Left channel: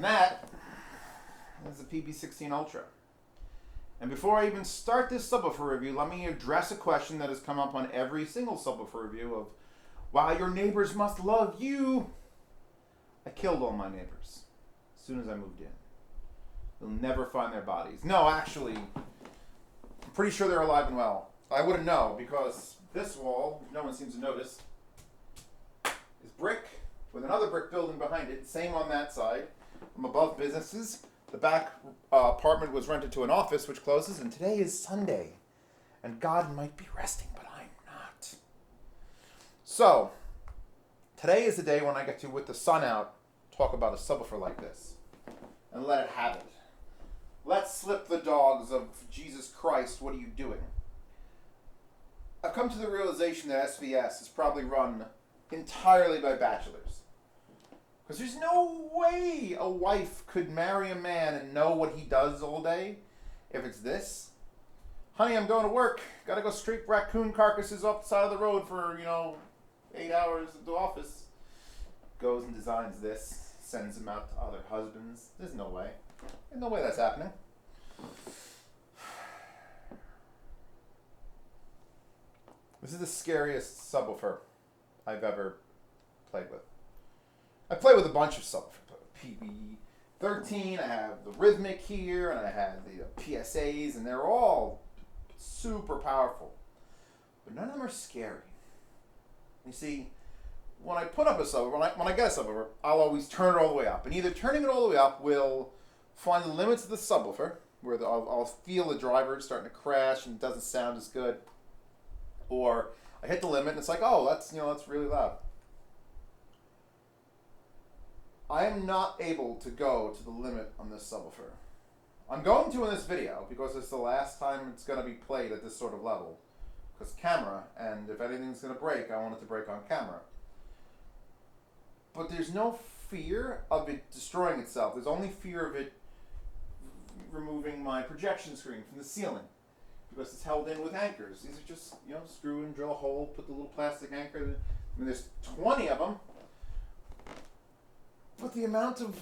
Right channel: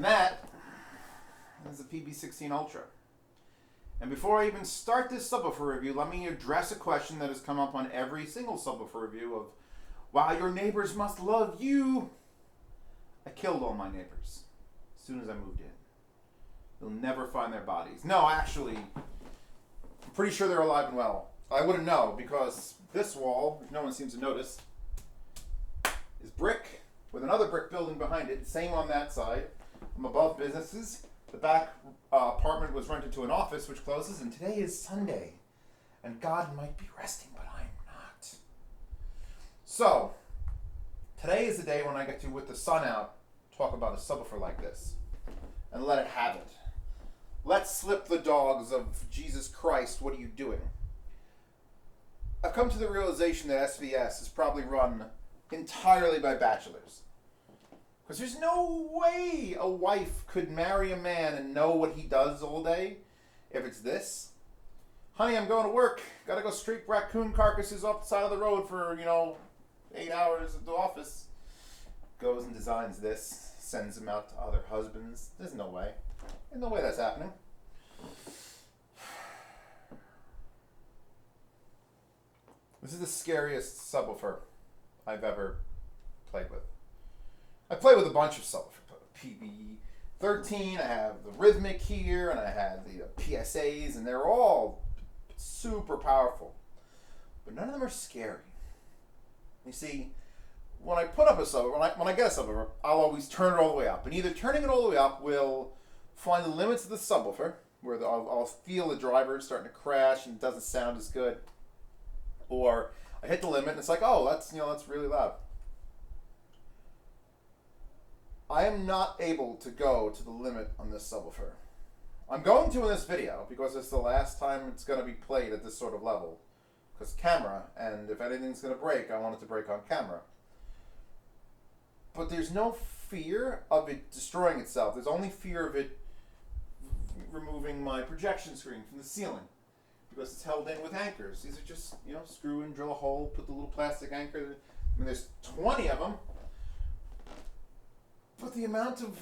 And that is a PB16 Ultra. And before I even start this subwoofer review, let me address a question that has come up on every single subwoofer review of, wow, your neighbors must love you. I killed all my neighbors as soon as I moved in. You'll never find their bodies. No, actually, I'm pretty sure they're alive and well. I wouldn't know because this wall, which no one seems to notice, is brick with another brick building behind it. Same on that side. I'm above businesses. The back apartment was rented to an office, which closes, and today is Sunday. And God might be resting, but I'm not. So, today is the day when I get to, with the sun out, talk about a subwoofer like this. And let it have it. Let's slip the dogs of Jesus Christ, what are you doing? I've come to the realization that SVS is probably run entirely by bachelors. Because there's no way a wife could marry a man and know what he does all day if it's this. Honey, I'm going to work. Gotta go straight raccoon carcasses off the side of the road for, 8 hours at the office. Goes and designs this, sends them out to other husbands. There's no way. There's no way that's happening. This is the scariest subwoofer I've ever played with. I play with a bunch of subwoofers. PB13, I have the rhythmic here, and I have the PSAs, and they're all super powerful. But none of them are scary. You see, when I put up a subwoofer, when I get a subwoofer, I'll always turn it all the way up. And either turning it all the way up will find the limits of the subwoofer, where I'll feel the driver starting to crash and it doesn't sound as good. Or I hit the limit and it's like, oh, that's really loud. I am not able to go to the limit on this subwoofer. I'm going to in this video because it's the last time it's going to be played at this sort of level. Because camera, and if anything's going to break, I want it to break on camera. But there's no fear of it destroying itself. There's only fear of it removing my projection screen from the ceiling. Because it's held in with anchors. These are just, screw in, drill a hole, put the little plastic anchor. I mean, there's 20 of them. But the amount of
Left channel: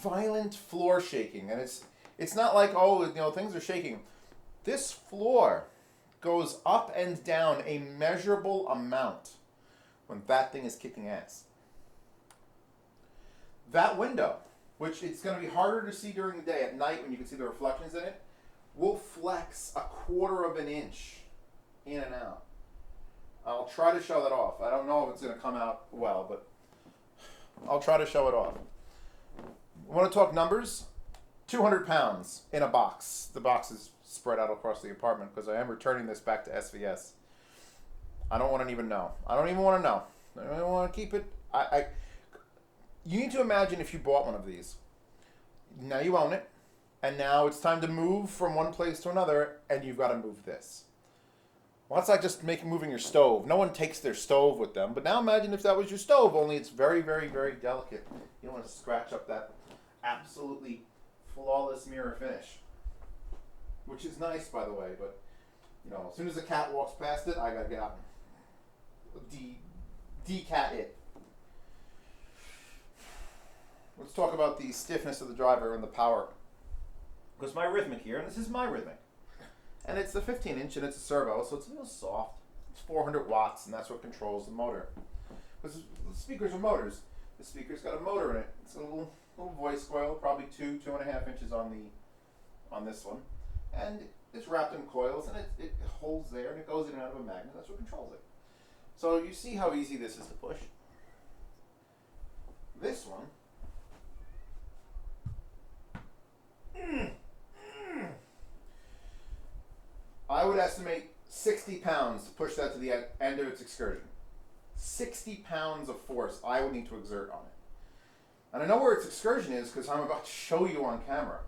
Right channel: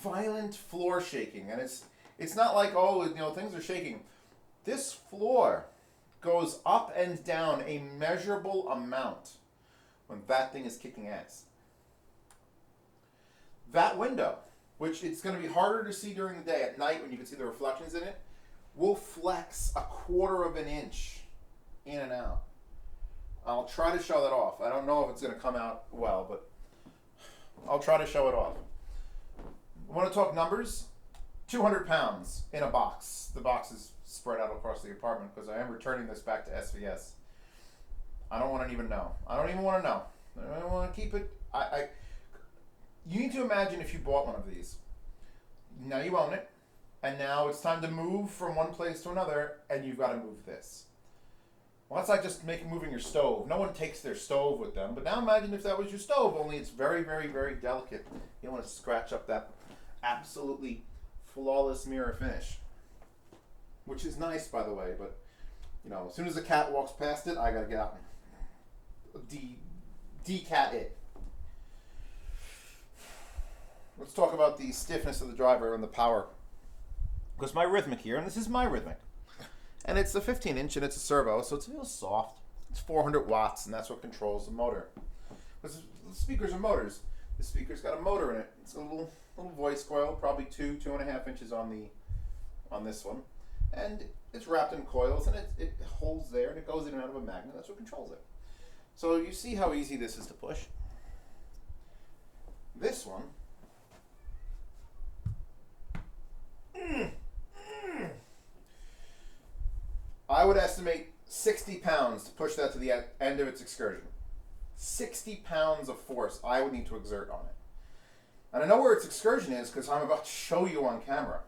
violent floor shaking, and it's not like, things are shaking. This floor goes up and down a measurable amount when that thing is kicking ass. That window, which it's going to be harder to see during the day, at night when you can see the reflections in it, will flex 1/4 of an inch in and out. I'll try to show that off. I don't know if it's going to come out well, but I'll try to show it off. Want to talk numbers? 200 pounds in a box. The box is spread out across the apartment because I am returning this back to SVS. I don't want to even know. I don't even want to know. I don't want to keep it. You need to imagine if you bought one of these. Now you own it. And now it's time to move from one place to another, and you've got to move this. Well, that's like just moving your stove. No one takes their stove with them. But now imagine if that was your stove, only it's very, very, very delicate. You don't want to scratch up that absolutely flawless mirror finish. Which is nice, by the way, but, as soon as the cat walks past it, I got to get out and de-cat it. Let's talk about the stiffness of the driver and the power. Because my rhythmic here, and this is my rhythmic. And it's a 15-inch and it's a servo, so it's real soft. It's 400 watts, and that's what controls the motor. Because the speakers are motors. The speaker's got a motor in it. It's a little voice coil, probably 2.5 inches on this one. And it's wrapped in coils, and it holds there, and it goes in and out of a magnet. That's what controls it. So you see how easy this is to push. This one, I would estimate 60 pounds to push that to the end of its excursion. 60 pounds of force I would need to exert on it. And I know where its excursion is because I'm about to show you on camera.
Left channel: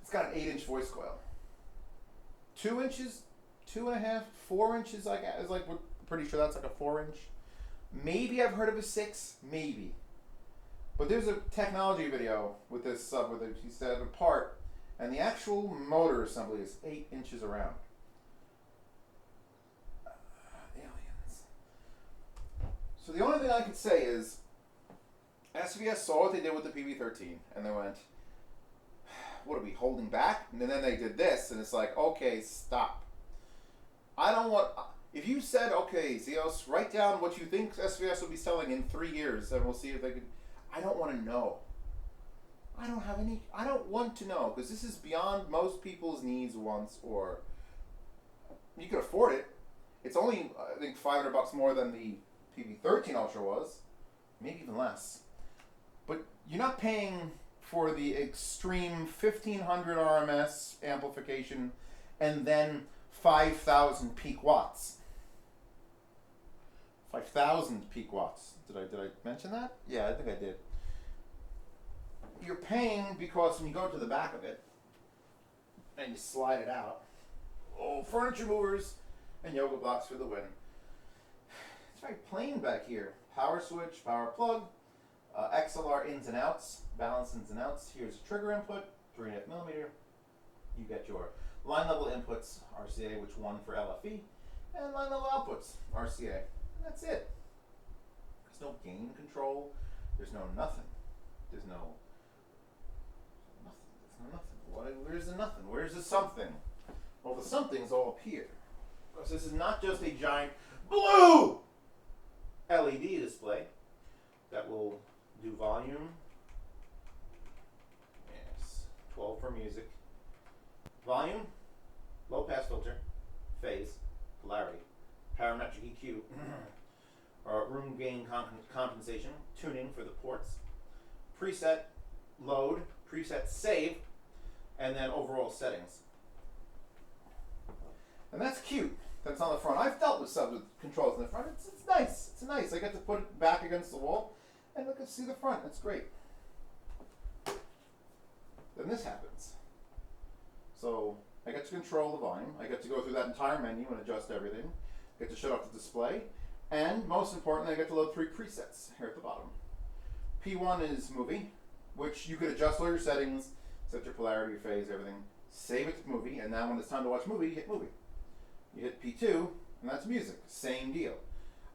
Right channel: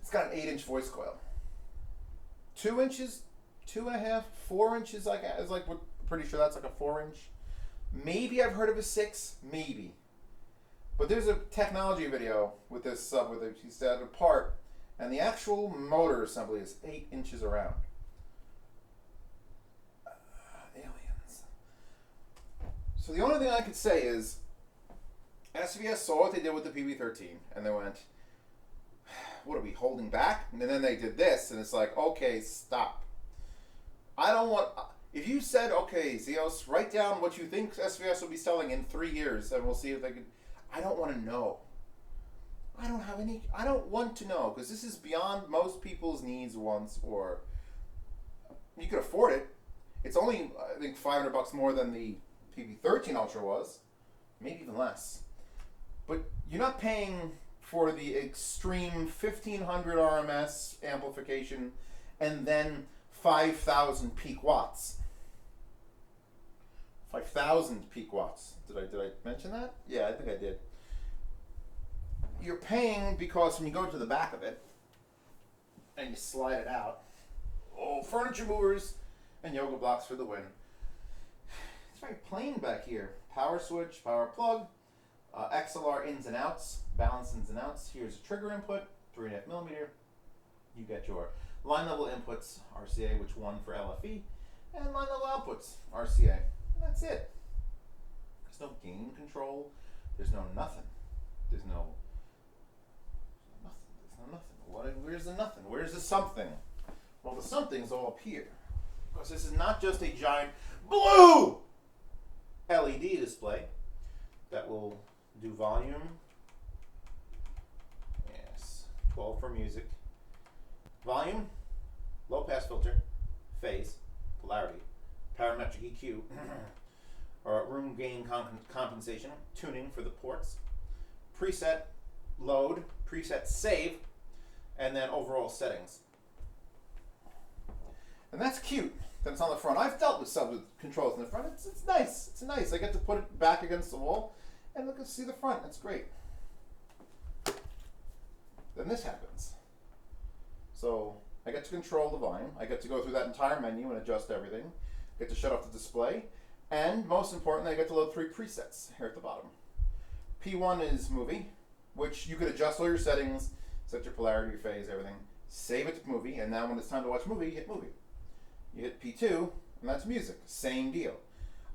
It's got an 8-inch voice coil. 2 inches, 2.5, 4 inches, we're pretty sure that's like a 4-inch. Maybe I've heard of a 6, maybe. But there's a technology video with this sub with it. He said apart, and the actual motor assembly is 8 inches around. Aliens. So the only thing I could say is SVS saw what they did with the PB13, and they went, what are we holding back? And then they did this, and it's like, okay, stop. I don't want... If you said, okay, Zeos, write down what you think SVS will be selling in 3 years, and we'll see if they could... I don't want to know. I don't want to know, because this is beyond most people's needs, wants, or... You can afford it. It's only, I think, $500 more than the PB13 Ultra was. Maybe even less. But you're not paying for the extreme 1500 RMS amplification and then 5,000 peak watts. 5,000 peak watts. Did I mention that? Yeah, I think I did. You're paying because when you go to the back of it and you slide it out, oh, furniture movers and yoga blocks for the win. It's very plain back here. Power switch, power plug, XLR ins and outs, balance ins and outs. Here's a trigger input, 3.5 millimeter. You get your line level inputs, RCA, which one for LFE, and line level outputs, RCA. And that's it. There's no gain control. There's no nothing. There's no nothing. Where's the nothing? Where's the something? Well, the something's all up here. Because this is not just a giant blue LED display that will do volume. Yes, 12 for music. Volume, low pass filter, phase, polarity, parametric EQ, or room gain compensation, tuning for the ports, preset load, preset save, and then overall settings. And that's cute. That's on the front. I've dealt with subs with controls in the front. It's nice. It's nice. I get to put it back against the wall and look and see the front. That's great. Then this happens. So I get to control the volume. I get to go through that entire menu and adjust everything. Get to shut off the display. And most importantly, I get to load 3 presets here at the bottom. P1 is movie, which you could adjust all your settings, set your polarity, your phase, everything. Save it to movie, and now when it's time to watch movie, you hit movie. You hit P2, and that's music. Same deal.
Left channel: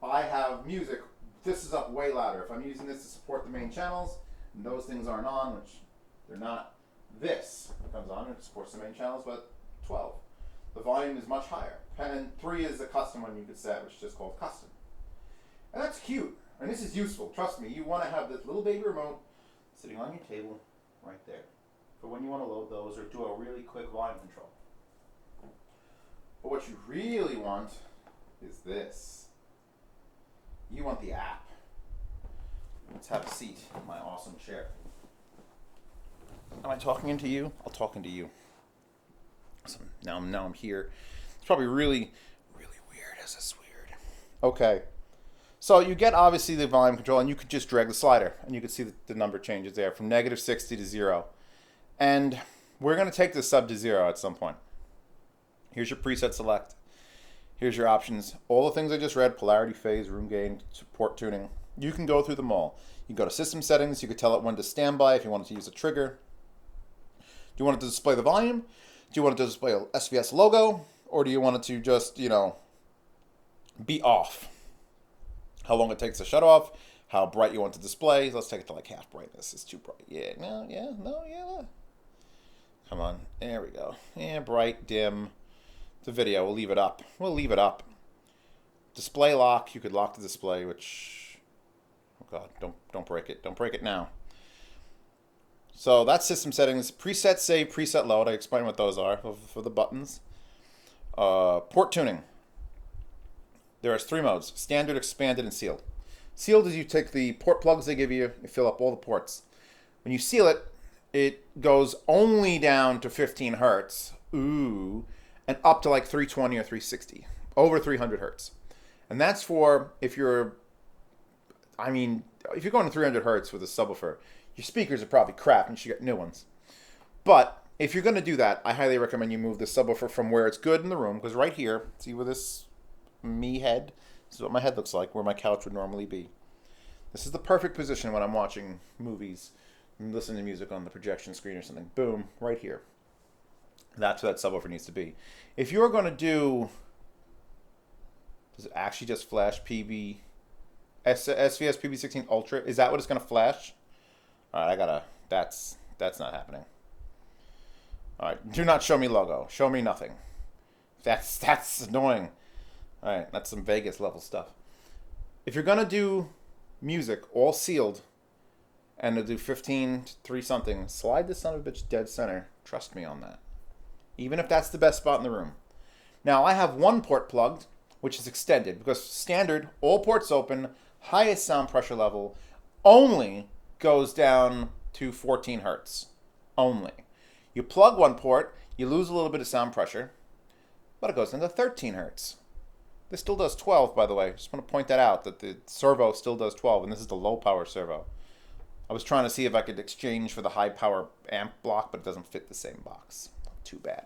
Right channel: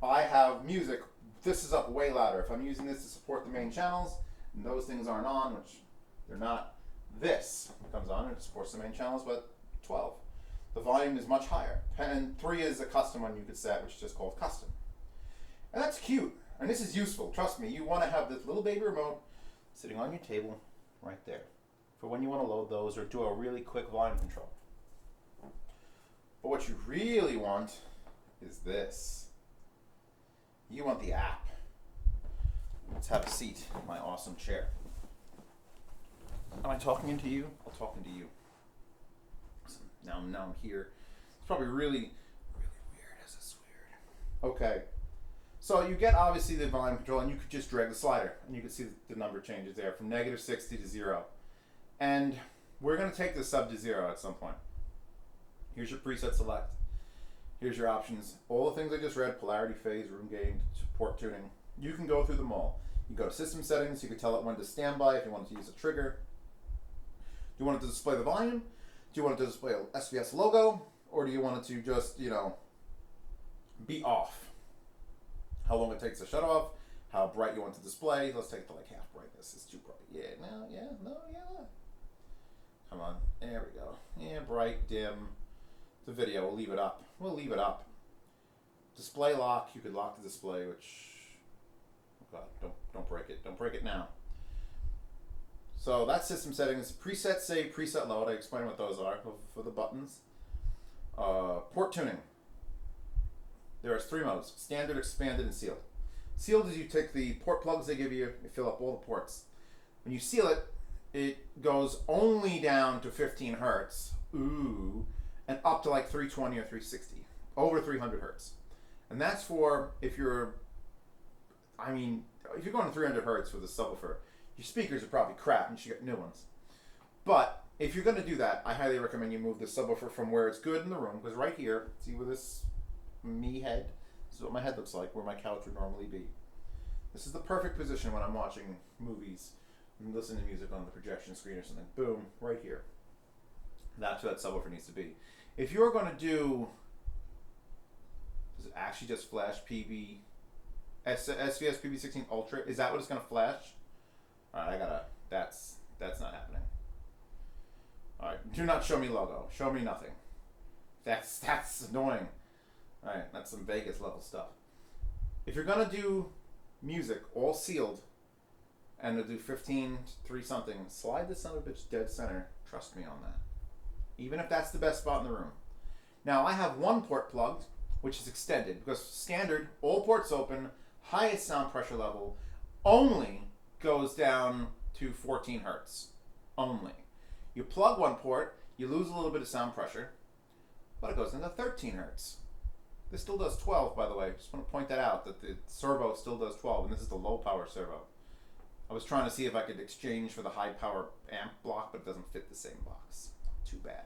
I have music. This is up way louder. If I'm using this to support the main channels, and those things aren't on, which they're not, this comes on and it supports the main channels, but 12. The volume is much higher. And 3 is a custom one you could set, which is just called custom. And that's cute. And this is useful. Trust me, you want to have this little baby remote sitting on your table right there for when you want to load those or do a really quick volume control. But what you really want is this. You want the app. Let's have a seat in my awesome chair. Am I talking into you? I'll talk into you. So now I'm here. It's probably really weird. Is this weird? Okay. So you get obviously the volume control, and you could just drag the slider, and you can see the number changes there from -60 to 0. And we're going to take this sub to 0 at some point. Here's your preset select. Here's your options. All the things I just read, polarity, phase, room gain, support tuning. You can go through them all. You can go to system settings. You can tell it when to standby if you wanted to use a trigger. Do you want it to display the volume? Do you want it to display a SVS logo? Or do you want it to just, be off? How long it takes to shut off? How bright you want to display? Let's take it to like half brightness. It's too bright. Yeah, no. Come on. There we go. Yeah, bright, dim. The video, we'll leave it up. Display lock, you could lock the display, which, oh God, don't break it. Don't break it now. So that's system settings. Preset save, preset load. I explained what those are for the buttons. Port tuning. There's 3 modes: standard, expanded, and sealed. Sealed is you take the port plugs they give you, you fill up all the ports. When you seal it, it goes only down to 15 hertz. Ooh. And up to like 320 or 360, over 300 hertz. And that's for if you're going to 300 hertz with a subwoofer, your speakers are probably crap and you should get new ones. But if you're going to do that, I highly recommend you move the subwoofer from where it's good in the room, because right here, see where this head, this is what my head looks like, where my couch would normally be. This is the perfect position when I'm watching movies and listening to music on the projection screen or something. Boom, right here. That's where that subwoofer needs to be. If you're going to do, does it actually just flash SVS PB16 Ultra? Is that what it's going to flash? All right, I gotta. That's not happening. All right, do not show me logo. Show me nothing. That's annoying. All right, that's some Vegas level stuff. If you're gonna do music all sealed, and to do 15 to 3 something, slide this son of a bitch dead center. Trust me on that. Even if that's the best spot in the room. Now I have one port plugged, which is extended because standard all ports open, highest sound pressure level, only goes down to 14 hertz. Only. You plug one port, you lose a little bit of sound pressure, but it goes into 13 hertz. This still does 12, by the way. Just want to point that out, that the servo still does 12, and this is the low power servo. I was trying to see if I could exchange for the high power amp block, but it doesn't fit the same box. Too bad.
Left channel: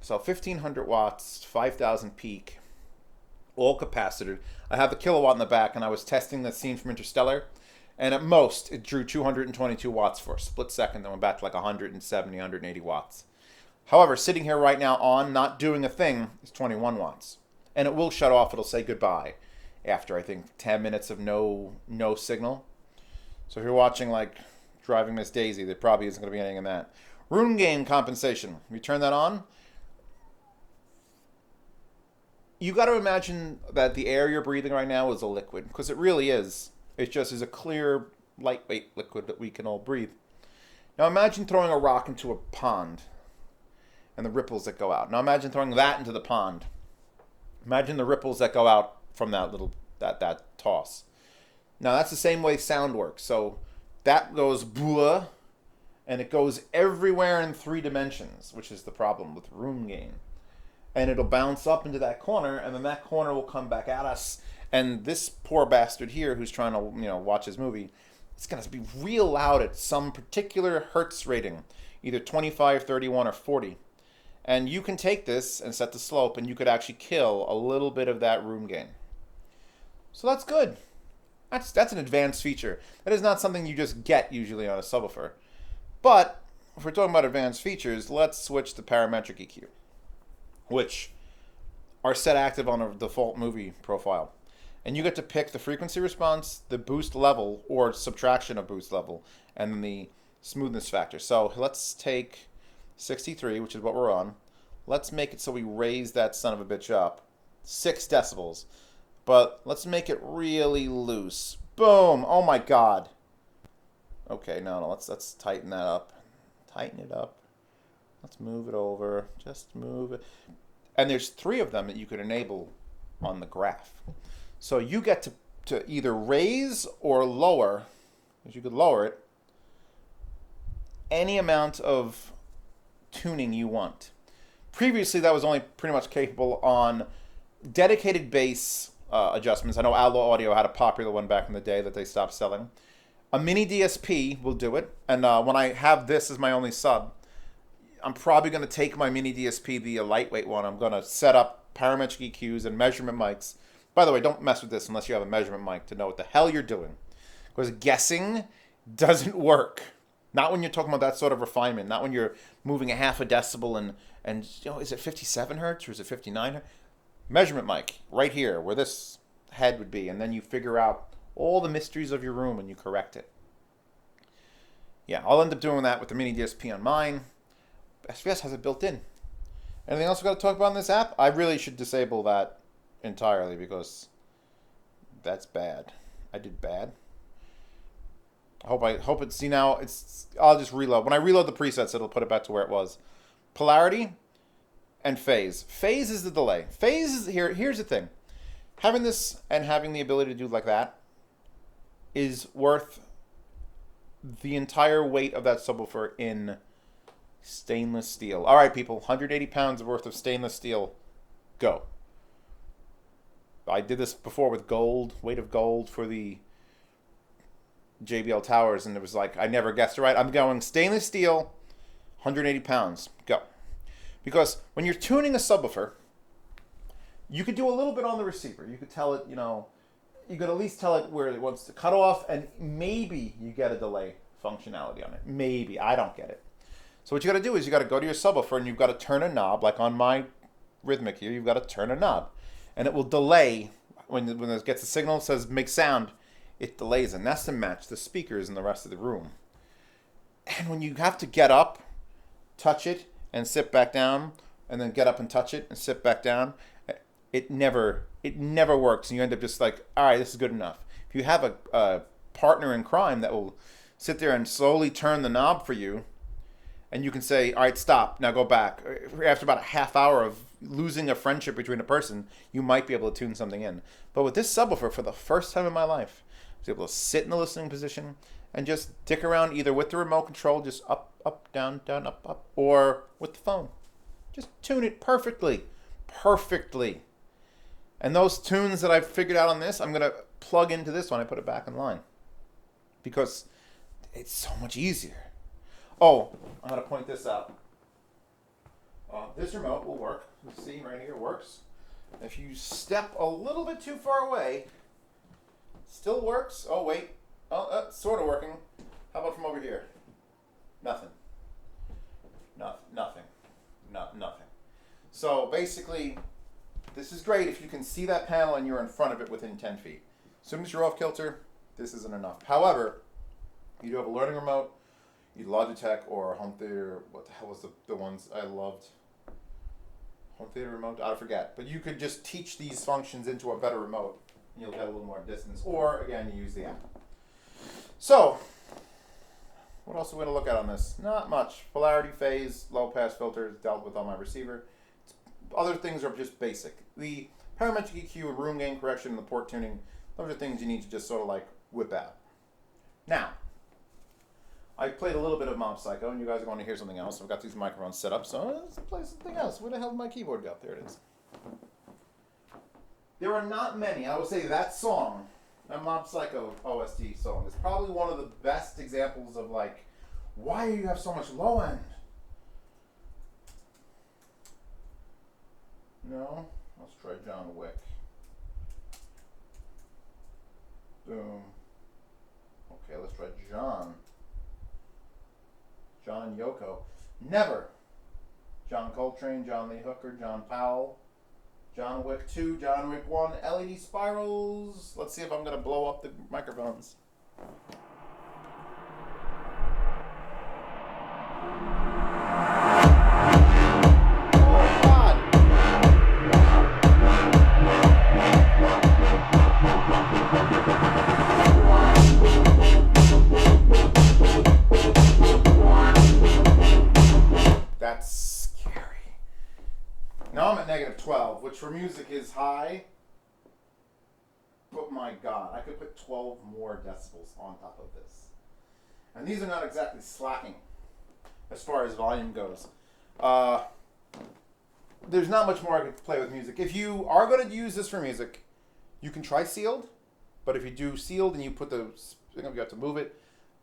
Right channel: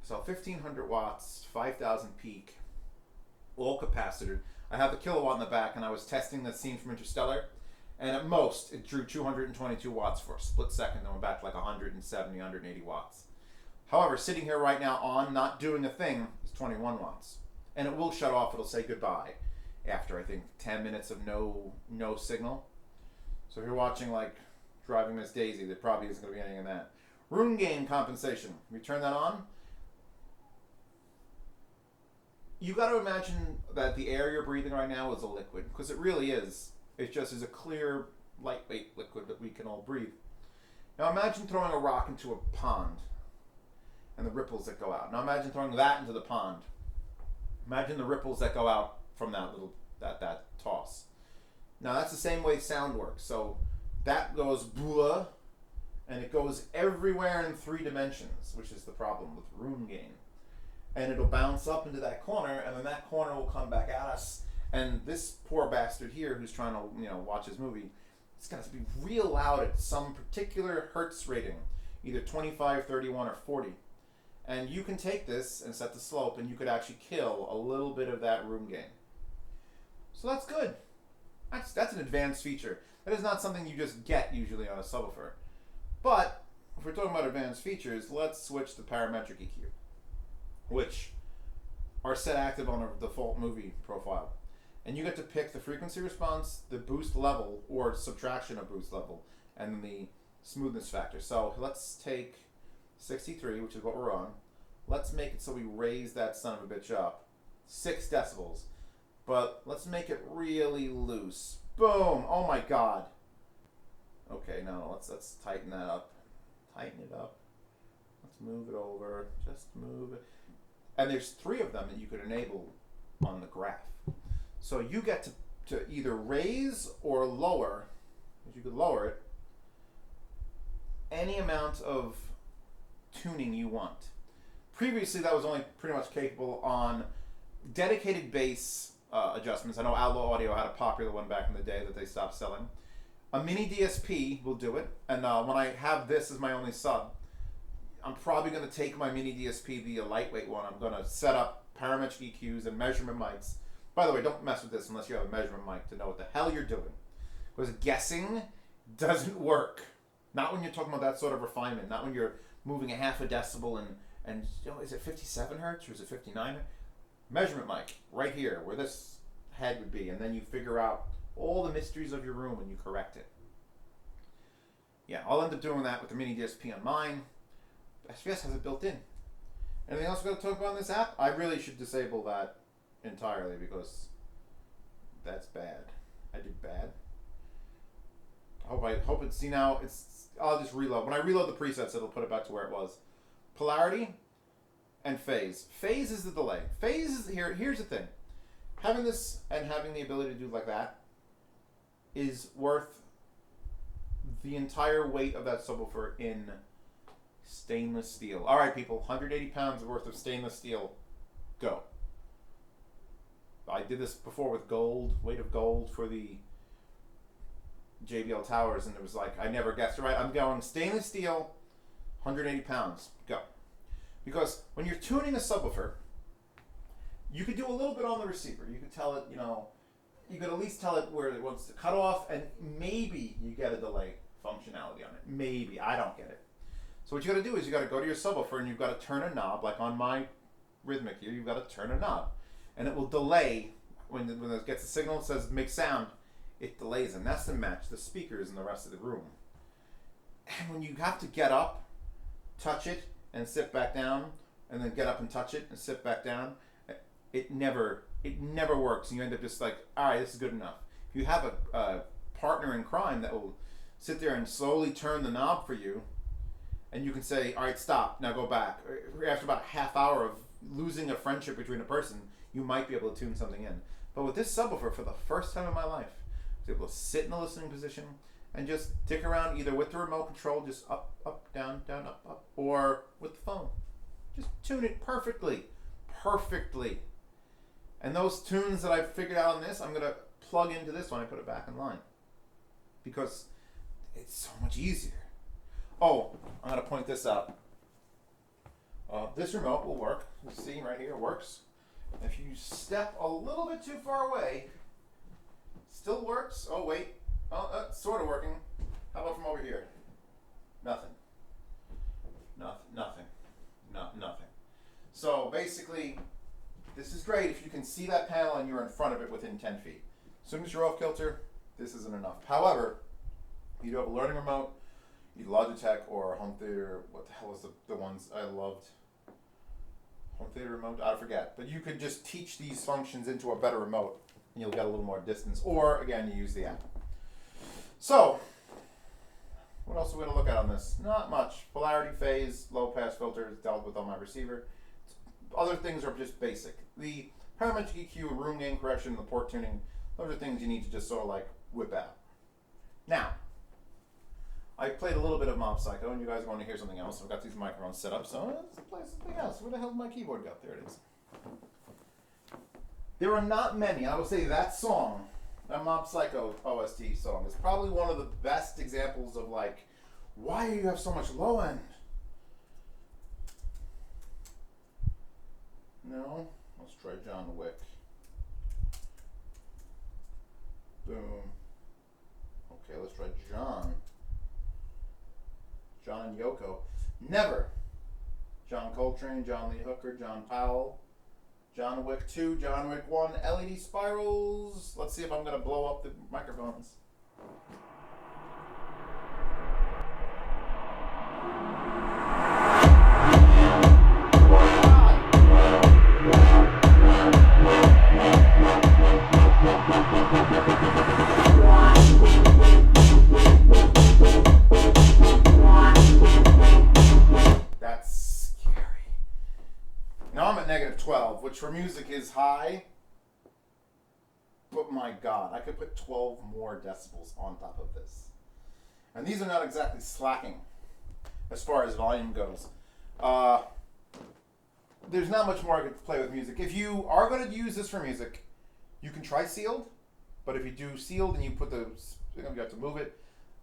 So 1500 watts, 5000 peak, all capacitor. I have the kilowatt in the back, and I was testing the scene from Interstellar, and at most it drew 222 watts for a split second, then went back to like 170, 180 watts. However, sitting here right now on, not doing a thing, is 21 watts. And it will shut off, it'll say goodbye after, I think, 10 minutes of no signal. So if you're watching, like, Driving Miss Daisy, there probably isn't going to be anything in that. Room gain compensation. If you turn that on, you got to imagine that the air you're breathing right now is a liquid, because it really is. It just is a clear, lightweight liquid that we can all breathe. Now imagine throwing a rock into a pond and the ripples that go out. Now imagine throwing that into the pond. Imagine the ripples that go out from that little that toss. Now that's the same way sound works. So that goes blah, and it goes everywhere in 3 dimensions, which is the problem with room gain. And it'll bounce up into that corner, and then that corner will come back at us. And this poor bastard here, who's trying to watch his movie, it's gonna be real loud at some particular hertz rating, either 25, 31, or 40. And you can take this and set the slope, and you could actually kill a little bit of that room gain. So that's good. That's an advanced feature. That is not something you just get usually on a subwoofer. But if we're talking about advanced features, let's switch to parametric EQ, which are set active on a default movie profile. And you get to pick the frequency response, the boost level, or subtraction of boost level, and then the smoothness factor. So let's take 63, which is what we're on. Let's make it so we raise that son of a bitch up 6 decibels. But let's make it really loose. Boom! Oh my god. Okay, no, let's tighten that up. Tighten it up. Let's move it over. Just move it. And there's 3 of them that you could enable on the graph. So you get to either raise or lower, because you could lower it, any amount of tuning you want. Previously, that was only pretty much capable on dedicated bass adjustments. I know Allo Audio had a popular one back in the day that they stopped selling. A mini DSP will do it. And when I have this as my only sub, I'm probably going to take my mini DSP, the lightweight one. I'm going to set up parametric EQs and measurement mics. By the way, don't mess with this unless you have a measurement mic to know what the hell you're doing. Because guessing doesn't work. Not when you're talking about that sort of refinement. Not when you're moving a half a decibel and is it 57 hertz or is it 59 hertz? Measurement mic right here where this head would be. And then you figure out all the mysteries of your room and you correct it. Yeah, I'll end up doing that with the mini DSP on mine. SVS has it built in. Anything else we got to talk about in this app? I really should disable that entirely because that's bad. I did bad. I hope it's, see now, I'll just reload. When I reload the presets, it'll put it back to where it was. Polarity and phase. Phase is the delay. Phase is here's the thing. Having this and having the ability to do like that is worth the entire weight of that subwoofer in stainless steel. All right, people, 180 pounds worth of stainless steel. Go. I did this before with gold, weight of gold for the JBL towers, and it was like, I never guessed it right. I'm going stainless steel, 180 pounds. Go. Because when you're tuning a subwoofer, you could do a little bit on the receiver. You could tell it, you could at least tell it where it wants to cut off, and maybe you get a delay functionality on it. Maybe. I don't get it. So what you got to do is you got to go to your subwoofer, and you've got to turn a knob, like on my Rhythmic here, you've got to turn a knob. And it will delay when it gets a signal that says make sound. it delays, and that's to match the speakers in the rest of the room. And when you have to get up, touch it, and sit back down, and then get up and touch it and sit back down, it never works, and you end up just like, all right, this is good enough. If you have a partner in crime that will sit there and slowly turn the knob for you, and you can say, all right, stop, now go back. After about a half hour of losing a friendship between a person, you might be able to tune something in. But with this subwoofer, for the first time in my life, I was able to sit in the listening position and just dick around either with the remote control, just up, up, down, down, up, up, or with the phone. Just tune it perfectly. Perfectly. And those tunes that I've figured out on this, I'm going to plug into this when I put it back in line. Because it's so much easier. Oh, I'm going to point this out. This remote will work. You see right here, it works. If you step a little bit too far away, still works. Oh, wait. Oh, sort of working. How about from over here? Nothing. Nothing. Nothing. So basically, this is great if you can see that panel and you're in front of it within 10 feet. As soon as you're off kilter, this isn't enough. However, you do have a learning remote, either Logitech or Home Theater. What the hell was the ones I loved? Home Theater remote? I forget. But you could just teach these functions into a better remote, and you'll get a little more distance. Or, again, you use the app. So, what else are we going to look at on this? Not much. Polarity, phase, low pass filters dealt with on my receiver. Other things are just basic. The parametric EQ, room gain correction, the port tuning, those are things you need to just sort of like whip out. Now, I played a little bit of Mob Psycho, and you guys are going to hear something else. I've got these microphones set up, so let's play something else. Where the hell did my keyboard go? There it is. There are not many. I would say that song, that Mob Psycho OST song, is probably one of the best examples of like, why do you have so much low end? No? Let's try John Wick. Boom. Okay, let's try John. John and Yoko. Never. John Coltrane, John Lee Hooker, John Powell, John Wick 2, John Wick 1, LED spirals. Let's see if I'm going to blow up the microphones. That's scary. Now I'm at -12, which for music is high. But my God, I could put 12 more decibels on top of this. And these are not exactly slacking as far as volume goes. There's not much more I could play with music. If you are going to use this for music, you can try sealed. But if you do sealed and you put the, you have to move it.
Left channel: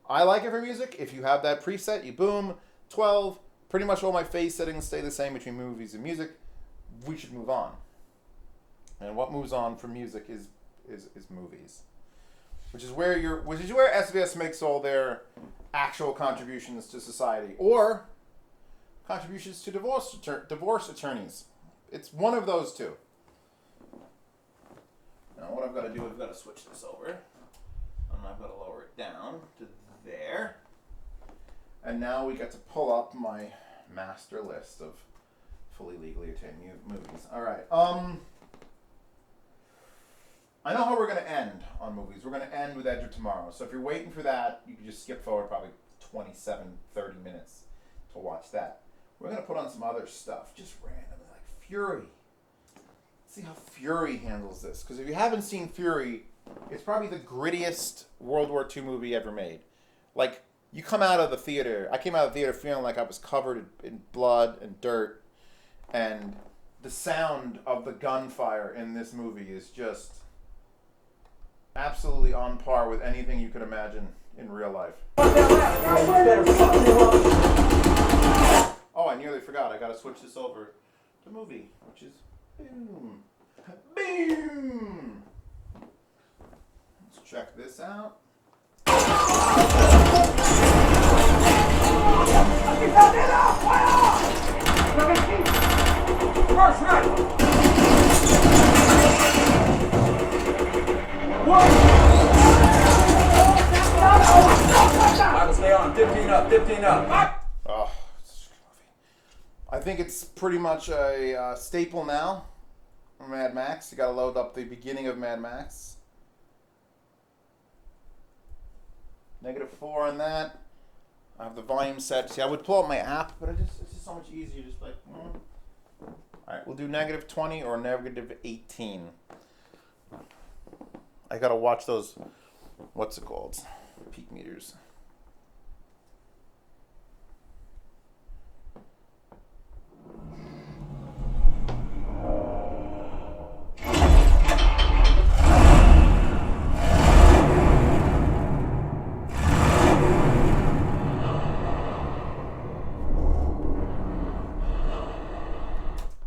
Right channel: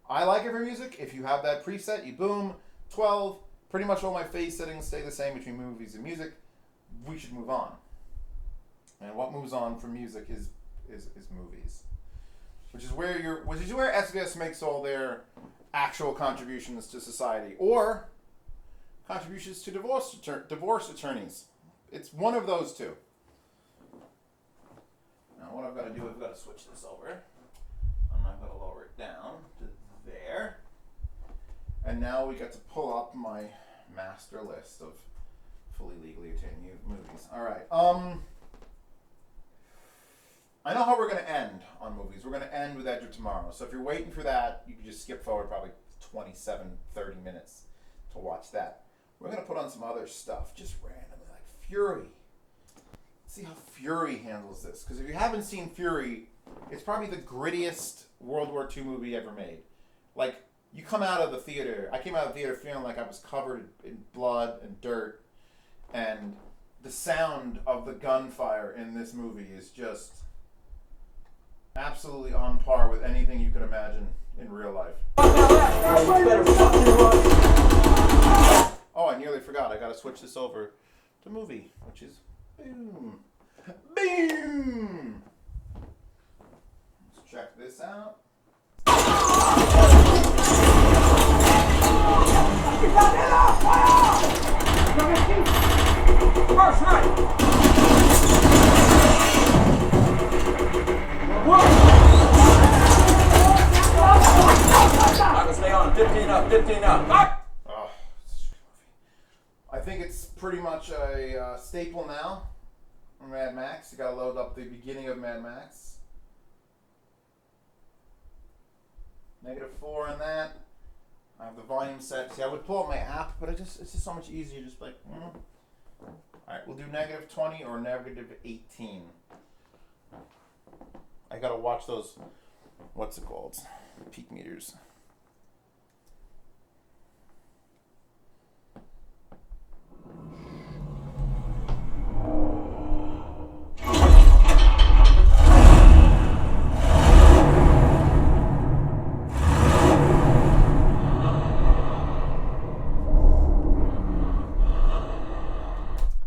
I like it for music. If you have that preset, you boom, 12. Pretty much all my phase settings stay the same between movies and music. We should move on. And what moves on for music is movies, which is where SVS makes all their actual contributions to society or contributions to divorce attorneys. It's one of those two. Now what I've got to do is I've got to switch this over, and I've got to lower it down to there. And now we get to pull up my master list of fully legally obtained movies. All right. I know how we're going to end on movies. We're going to end with Edge of Tomorrow. So if you're waiting for that, you can just skip forward probably 27, 30 minutes to watch that. We're going to put on some other stuff, just randomly, like Fury. Let's see how Fury handles this. Because if you haven't seen Fury, it's probably the grittiest World War II movie ever made. Like, you come out of the theater. I came out of the theater feeling like I was covered in blood and dirt. And the sound of the gunfire in this movie is just absolutely on par with anything you could imagine in real life. Oh, I nearly forgot. I got to switch this over to movie, which is boom. Boom! Let's check this out. First right! One! up, 15 up. What? Oh, I think it's pretty much a staple now. Mad Max. You gotta load up the beginning of Mad Max. -4 on that. I have the volume set. See, I would pull up my app, but it's just so much easier. Just like, Alright, we'll do -20 or -18. I gotta watch those, what's it called? Peak meters.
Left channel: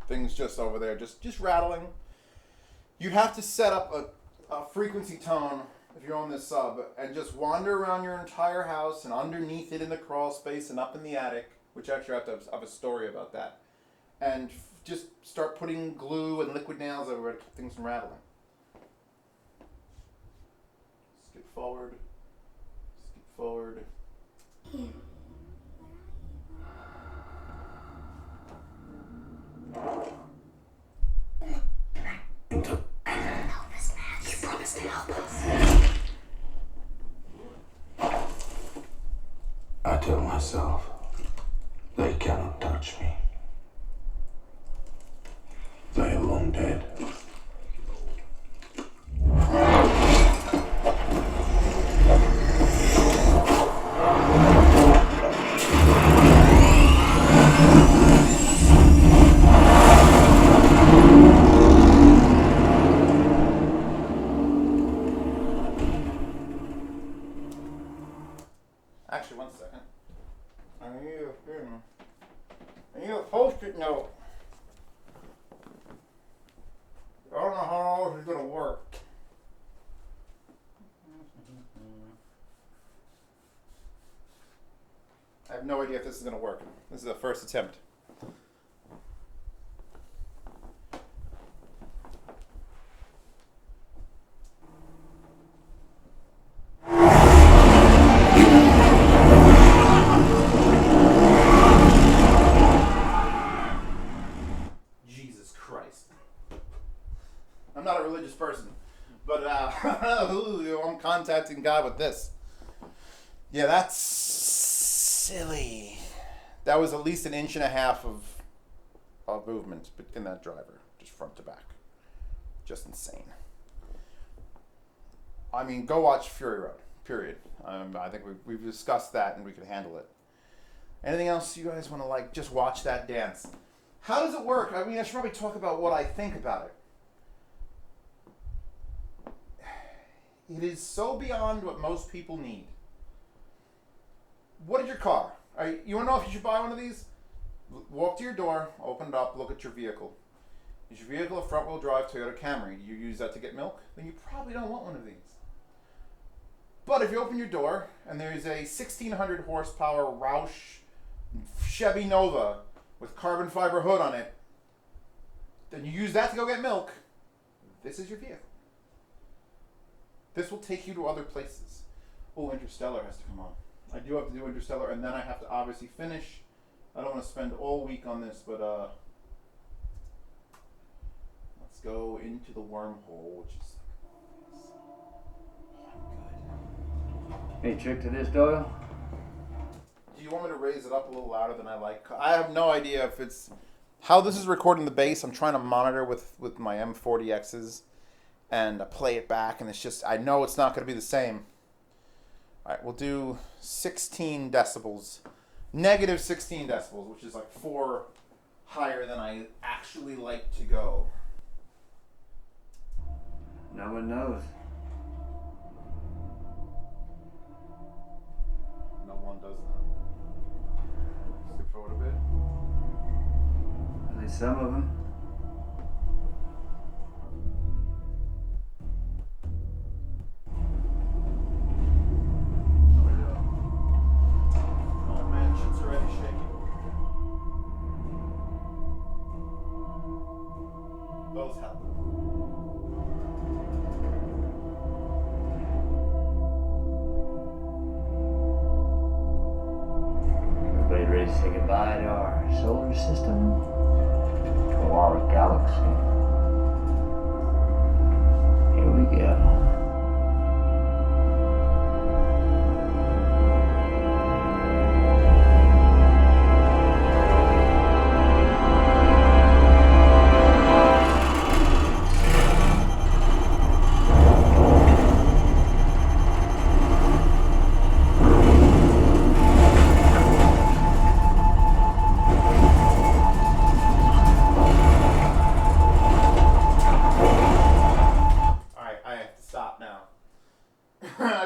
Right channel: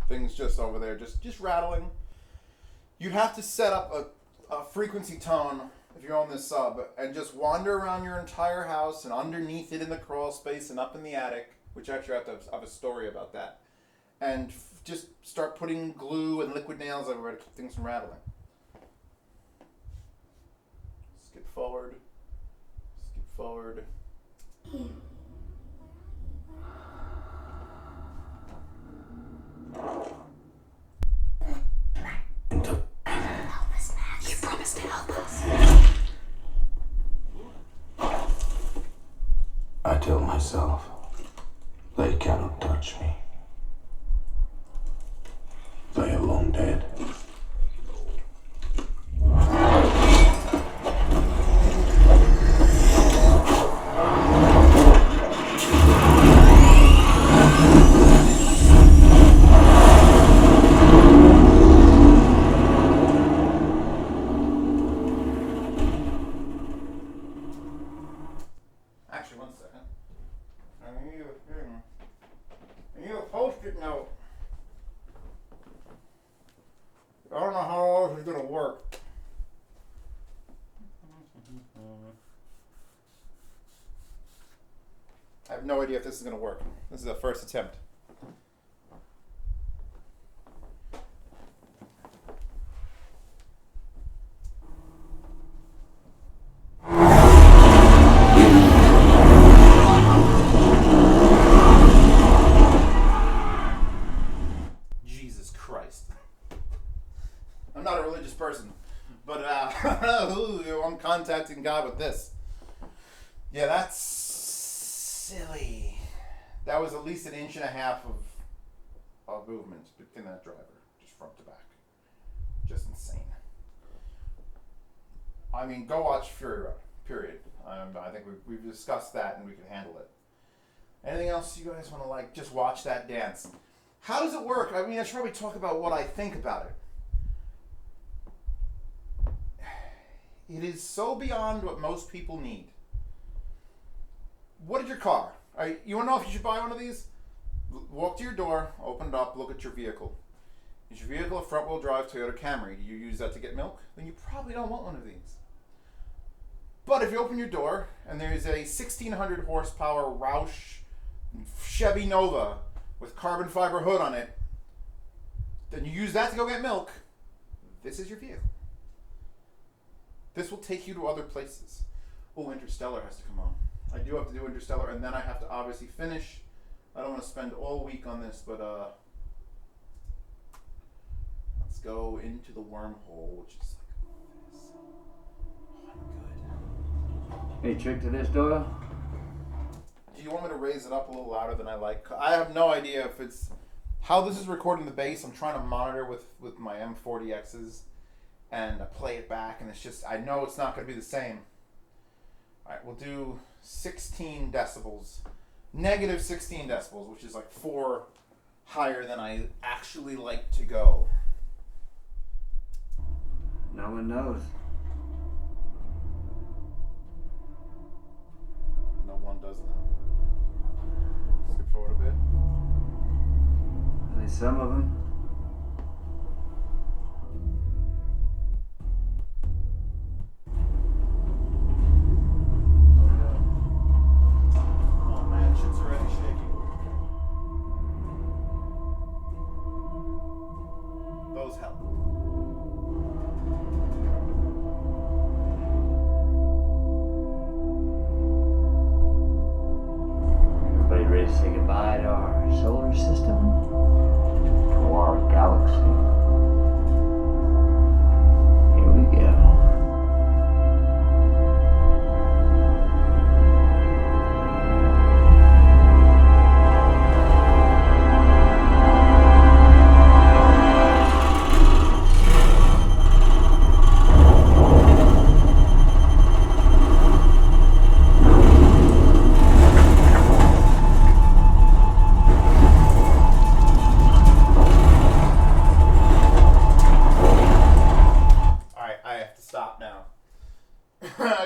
Things just over there, just rattling. You'd have to set up a frequency tone if you're on this sub and just wander around your entire house and underneath it in the crawl space and up in the attic, which actually I have a story about that, and just start putting glue and liquid nails everywhere to keep things from rattling. Skip forward. Skip forward. You promised to help us. I tell myself they cannot touch me. They are long dead. Actually, one second. I need a post-it note. I don't know how this is gonna work. I have no idea if this is gonna work. This is the first attempt. Jesus Christ. I'm not a religious person, but I'm contacting God with this. Yeah, that's silly. That was at least 1.5 inches of movement in that driver, just front to back. Just insane. I mean, go watch Fury Road, period. I think we've discussed that and we can handle it. Anything else you guys want to just watch that dance? How does it work? I mean, I should probably talk about what I think about it. It is so beyond what most people need. What is your car? You want to know if you should buy one of these? Walk to your door, open it up, look at your vehicle. Is your vehicle a front-wheel drive Toyota Camry? Do you use that to get milk? Then you probably don't want one of these. But if you open your door and there's a 1,600 horsepower Roush Chevy Nova with carbon fiber hood on it, then you use that to go get milk, this is your vehicle. This will take you to other places. Oh, Interstellar has to come on. I do have to do Interstellar, and then I have to obviously finish. I don't want to spend all week on this, but let's go into the wormhole, which is like this. Oh, I'm good. Any trick to this, Doyle? Do you want me to raise it up a little louder than I like? I have no idea if it's how this is recording the bass. I'm trying to monitor with my M40Xs and play it back, and it's just, I know it's not going to be the same. All right, we'll do 16 decibels. Negative 16 decibels, which is like 4 higher than I actually like to go. No one knows. No one does know. Skip forward a bit. At least some of them. Oh man, shit's already shaking. Those help.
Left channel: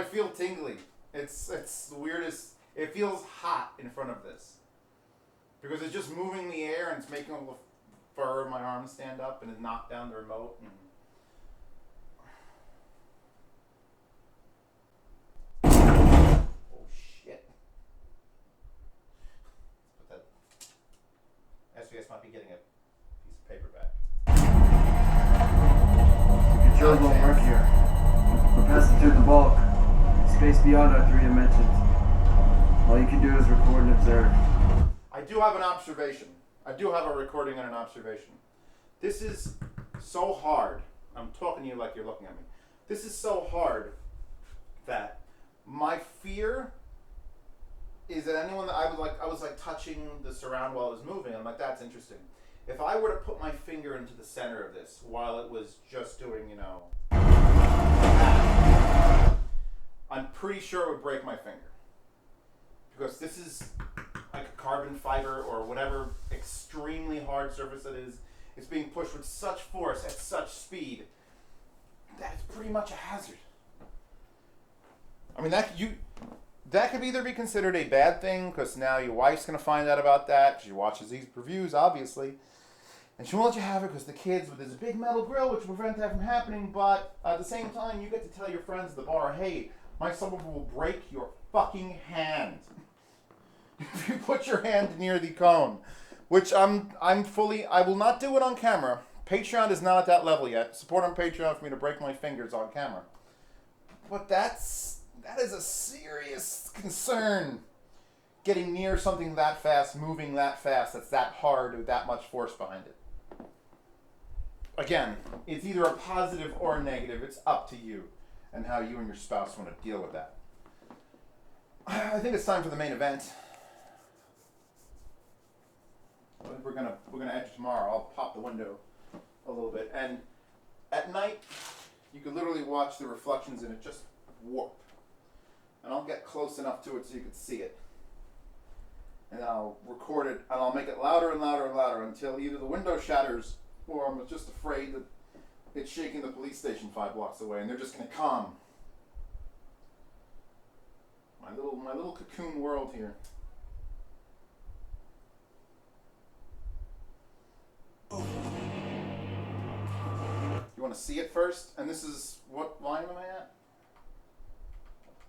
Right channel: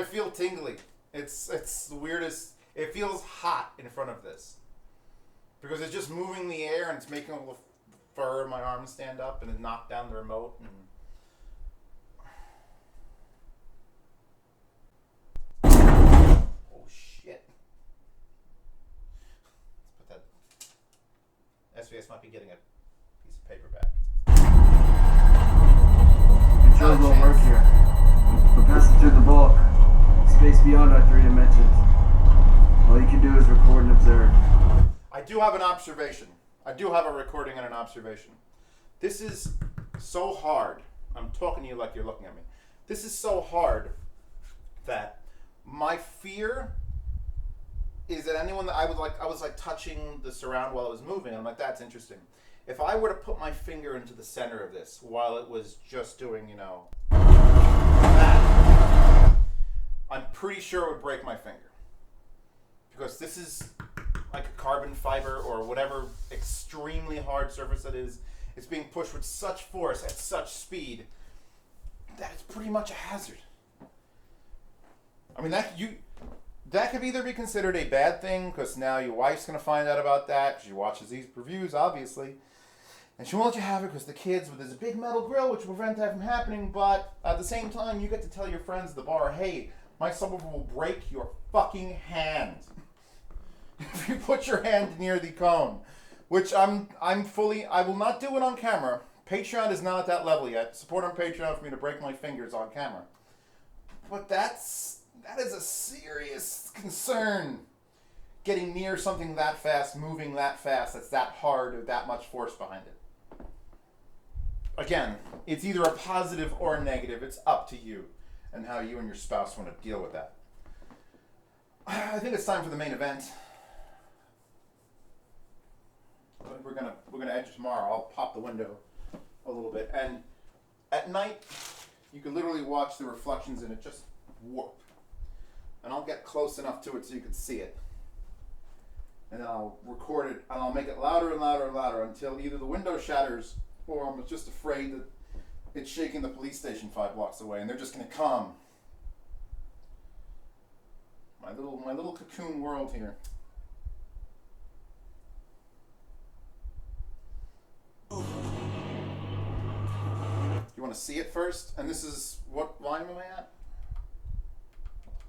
feel tingly. It's the weirdest. It feels hot in front of this. Because it's just moving the air and it's making all the fur in my arms stand up and it knocked down the remote. Oh shit. Let's put that. SVS might be getting a piece of paper back. The controls won't work here. We're passing through the bulk. Space beyond our 3 dimensions. All you can do is record and observe. I do have an observation. I do have a recording and an observation. This is so hard. I'm talking to you like you're looking at me. This is so hard that my fear is that anyone that I was like touching the surround while it was moving. I'm like, that's interesting. If I were to put my finger into the center of this while it was just doing, that, I'm pretty sure it would break my finger. Because this is like a carbon fiber or whatever extremely hard surface it is. It's being pushed with such force at such speed that it's pretty much a hazard. I mean, that could either be considered a bad thing because now your wife's going to find out about that. She watches these reviews, obviously. And she won't let you have it because the kids, there's a big metal grill which will prevent that from happening. But at the same time, you get to tell your friends at the bar, hey, my subwoofer will break your fucking hand if you put your hand near the cone. Which I will not do it on camera. Patreon is not at that level yet. Support on Patreon for me to break my fingers on camera. But that is a serious concern. Getting near something that fast, moving that fast, that's that hard, with that much force behind it. Again, it's either a positive or a negative. It's up to you and how you and your spouse want to deal with that. I think it's time for the main event. We're gonna edge tomorrow. I'll pop the window a little bit, and at night you can literally watch the reflections in it just warp. And I'll get close enough to it so you can see it, and then I'll record it, and I'll make it louder and louder and louder until either the window shatters or I'm just afraid that it's shaking the police station 5 blocks away, and they're just gonna come. My little cocoon world here. You want to see it first? And this is, what volume am I at?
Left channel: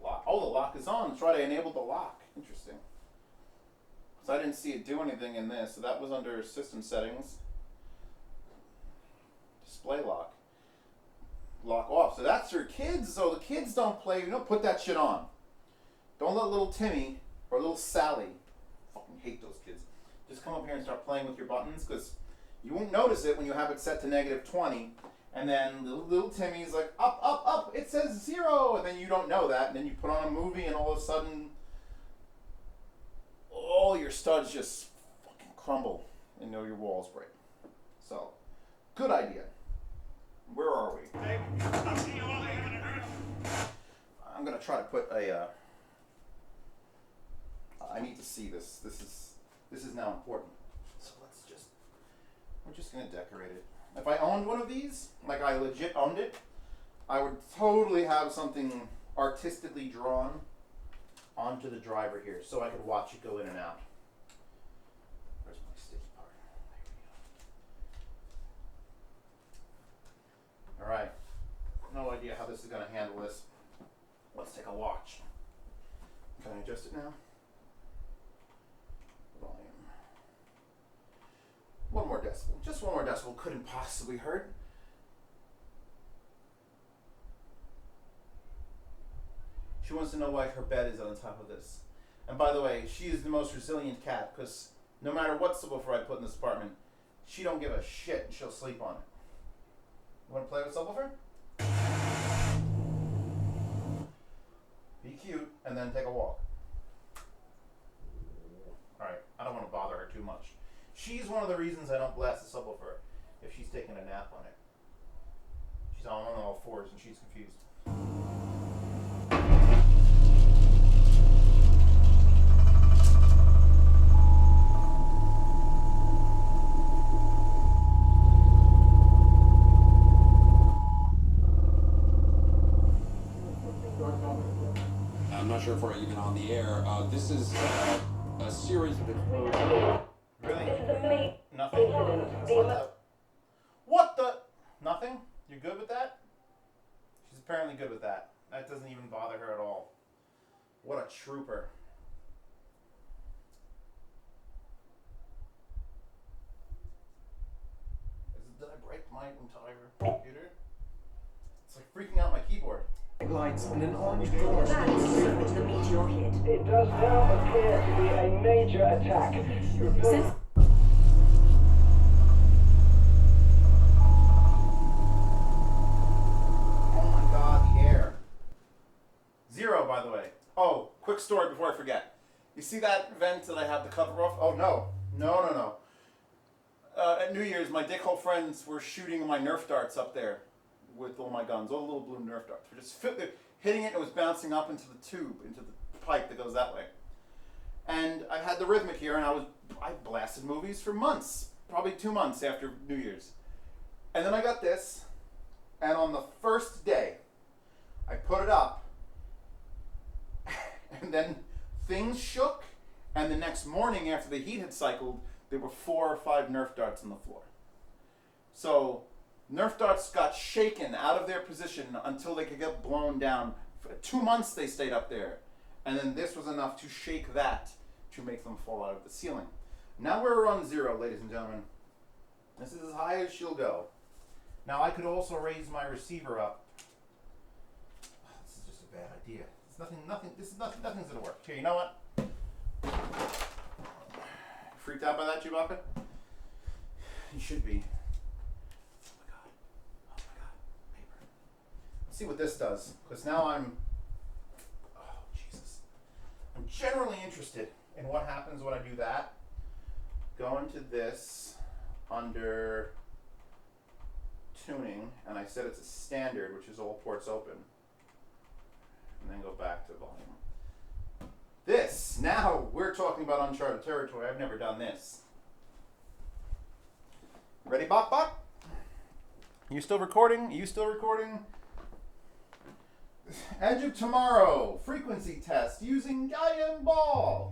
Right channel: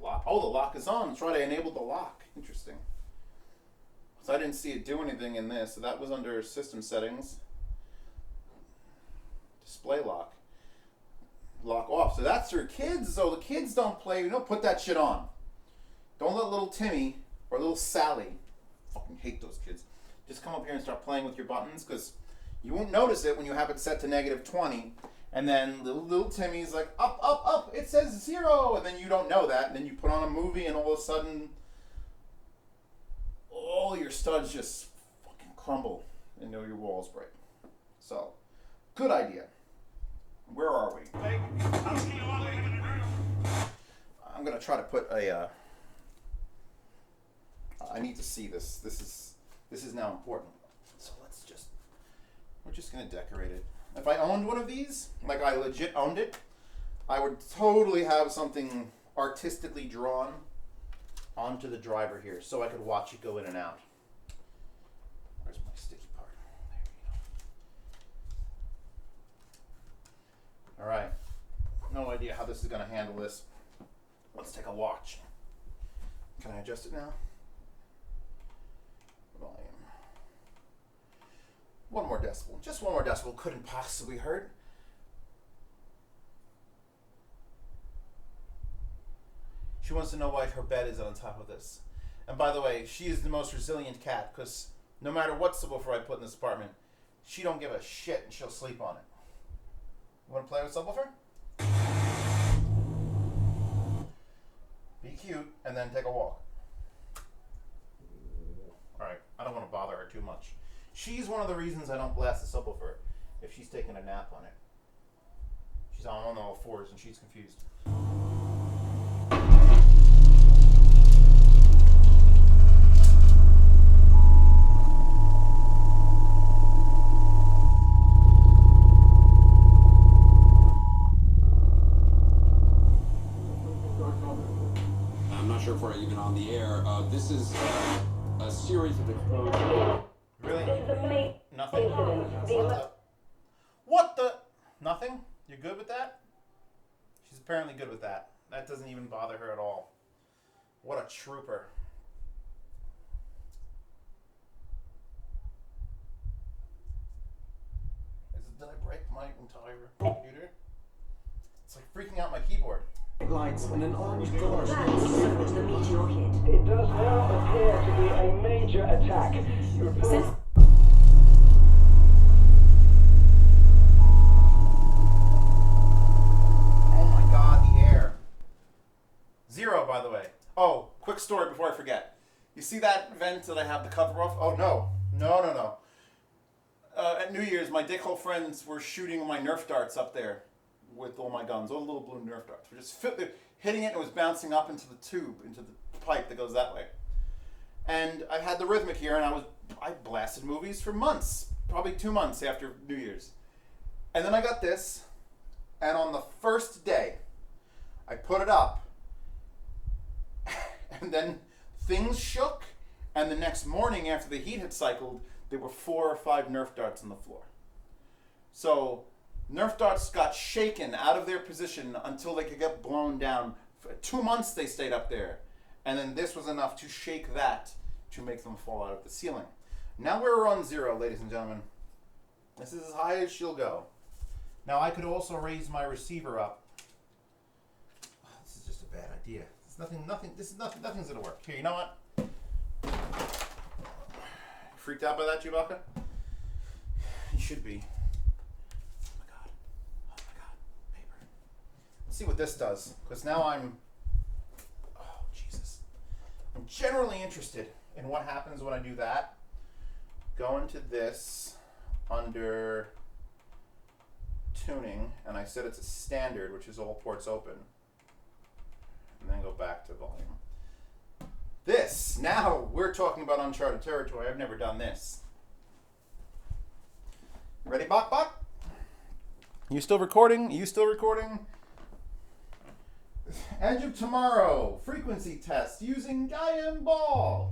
Lock. Oh, the lock is on. That's right, I enabled the lock. Interesting. So I didn't see it do anything in this. So that was under system settings. Display lock. Lock off. So that's your kids. So the kids don't play. You don't put that shit on. Don't let little Timmy or little Sally, fucking hate those kids, just come up here and start playing with your buttons, because you won't notice it when you have it set to -20, and then little Timmy's like, up, up, up, it says 0, and then you don't know that, and then you put on a movie, and all of a sudden, all your studs just fucking crumble, and your walls break. So, good idea. Where are we? I'm gonna try to put a, I need to see this. This is now important. So we're just gonna decorate it. If I owned one of these, like I legit owned it, I would totally have something artistically drawn onto the driver here, so I could watch it go in and out. Where's my sticky part? There we go. All right. No idea how this is gonna handle this. Let's take a watch. Can I adjust it now? Volume. 1 more decibel. Just 1 more decibel couldn't possibly hurt. She wants to know why her bed is on top of this. And by the way, she is the most resilient cat, because no matter what subwoofer I put in this apartment, she don't give a shit and she'll sleep on it. You want to play with subwoofer? Be cute and then take a walk. Alright, I don't want to bother her too much. She's one of the reasons I don't blast the subwoofer if she's taking a nap on it. She's on all 4s and she's confused. I'm not sure if we're even on the air. This is a series of explosions. Really? Nothing? What the? Nothing? You're good with that? She's apparently good with that. That doesn't even bother her at all. What a trooper. Did I break my entire computer? It's like freaking out my keyboard. Lights and an orange door. That's the meteor hit. It does now appear to be a major attack. Since Oh my god, the air. 0, by the way. Oh, quick story before I forget. You see that vent that I have the cover off? Oh, no. No. At New Year's, my dickhole friends were shooting my Nerf darts up there with all my guns, all the little blue Nerf darts. We're just hitting it and it was bouncing up into the tube, into the pipe that goes that way. And I had the rhythmic here and I blasted movies for months, probably 2 months after New Year's. And then I got this, and on the first day, I put it up, and then things shook, and the next morning after the heat had cycled, there were 4 or 5 Nerf darts on the floor. So Nerf darts got shaken out of their position until they could get blown down. For 2 months they stayed up there. And then this was enough to shake that to make them fall out of the ceiling. Now we're on 0, ladies and gentlemen. This is as high as she'll go. Now I could also raise my receiver up. This is just a bad idea. Nothing's gonna work. Here, you know what? Freaked out by that, Chewbacca? You should be. Oh my god, paper. Let's see what this does, because now I'm generally interested in what happens when I do that. Go into this under tuning, and I said it's a standard, which is all ports open, and then go back to volume. This, now we're talking about uncharted territory. I've never done this. Ready, Bok? You still recording? Edge of Tomorrow, frequency test using Guyan Ball.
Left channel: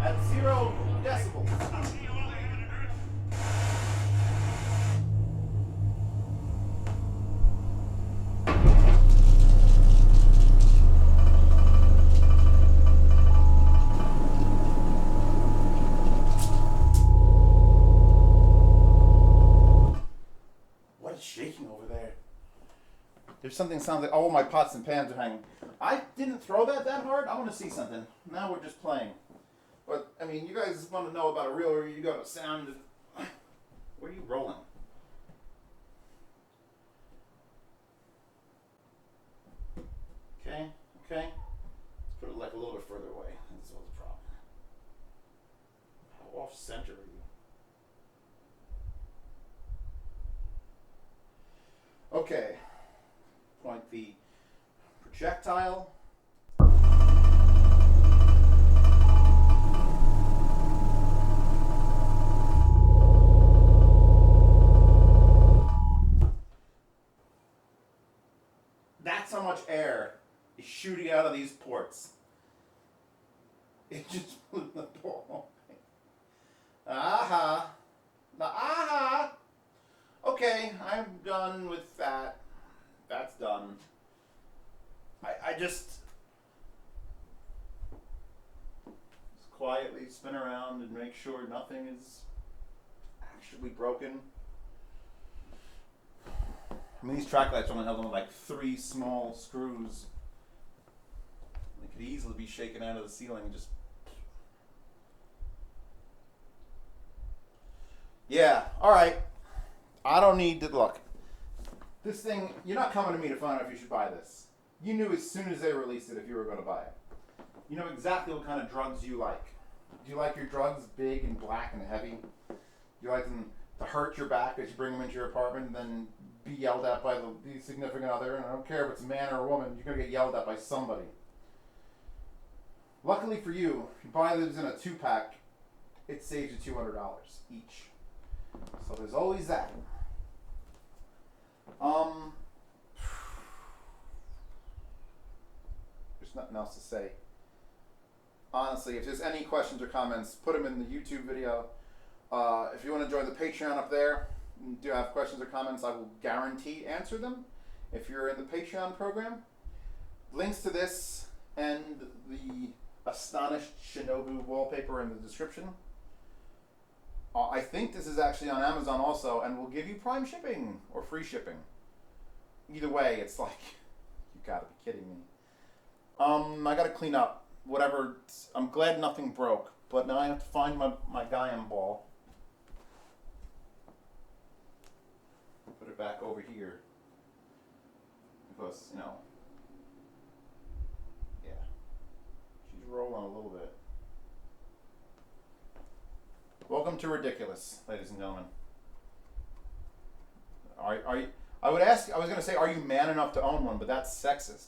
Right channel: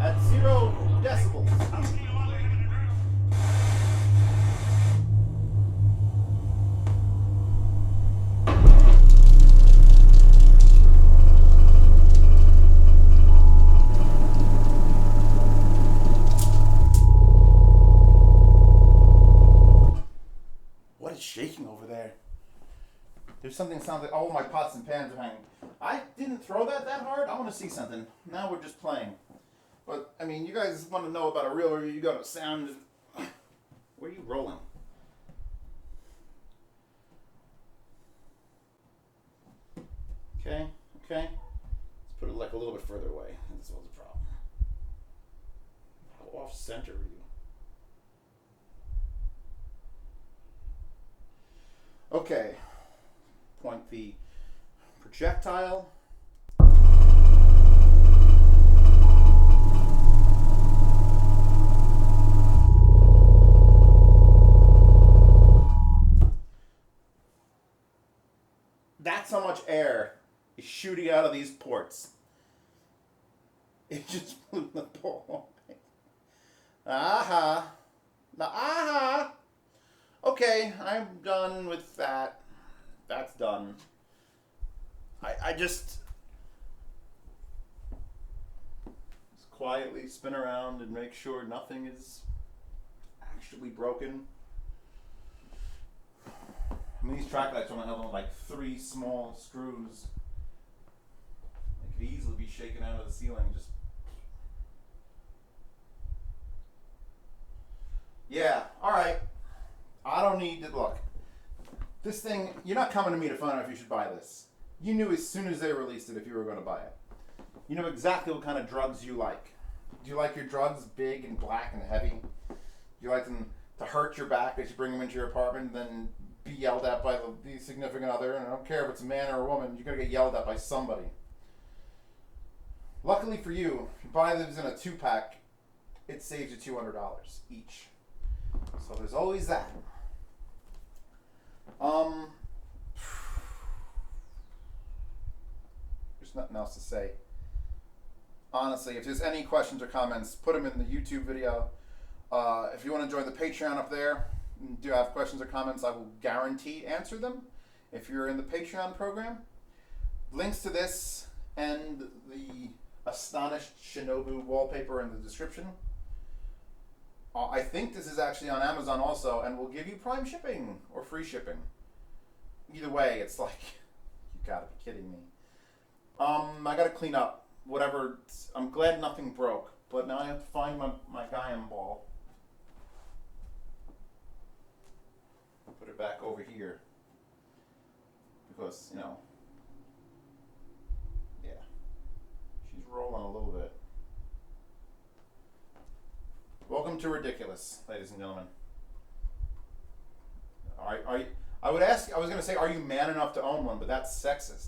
At 0 decibels. Shaking over there. There's something that sounds like, oh, my pots and pans are hanging. I didn't throw that hard. I want to see something. Now we're just playing. But, I mean, you guys want to know about a real review, you got a sound. Where are you rolling? Okay. Let's put it like a little bit further away. That's all the problem. How off center are you? Okay, point the projectile. That's how much air is shooting out of these ports. It just blew the ball away. Aha! Okay, I'm done with that. That's done. I just quietly spin around and make sure nothing is actually broken. I mean, these track lights only held on with like 3 small screws. They could easily be shaken out of the ceiling. Just yeah. All right. I don't need to look. This thing, you're not coming to me to find out if you should buy this. You knew as soon as they released it if you were going to buy it. You know exactly what kind of drugs you like. Do you like your drugs big and black and heavy? Do you like them to hurt your back as you bring them into your apartment and then be yelled at by the significant other? And I don't care if it's a man or a woman, you're going to get yelled at by somebody. Luckily for you, if you buy these in a 2-pack, it saves you $200 each. So there's always that. nothing else to say. Honestly, if there's any questions or comments, put them in the YouTube video. If you want to join the Patreon up there, and do have questions or comments, I will guarantee answer them if you're in the Patreon program. Links to this and the Astonished Shinobu wallpaper in the description. I think this is actually on Amazon also, and will give you Prime shipping or free shipping. Either way, it's like, you gotta be kidding me. I gotta clean up whatever. I'm glad nothing broke, but now I have to find my Gaian ball. Put it back over here because, you know, yeah, she's rolling a little bit. Welcome to ridiculous, ladies and gentlemen. I was going to say, are you man enough to own one? But that's sexist.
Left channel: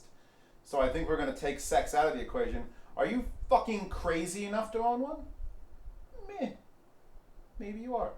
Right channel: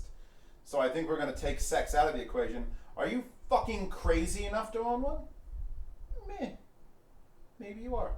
So I think we're going to take sex out of the equation. Are you fucking crazy enough to own one? Meh. Maybe you are.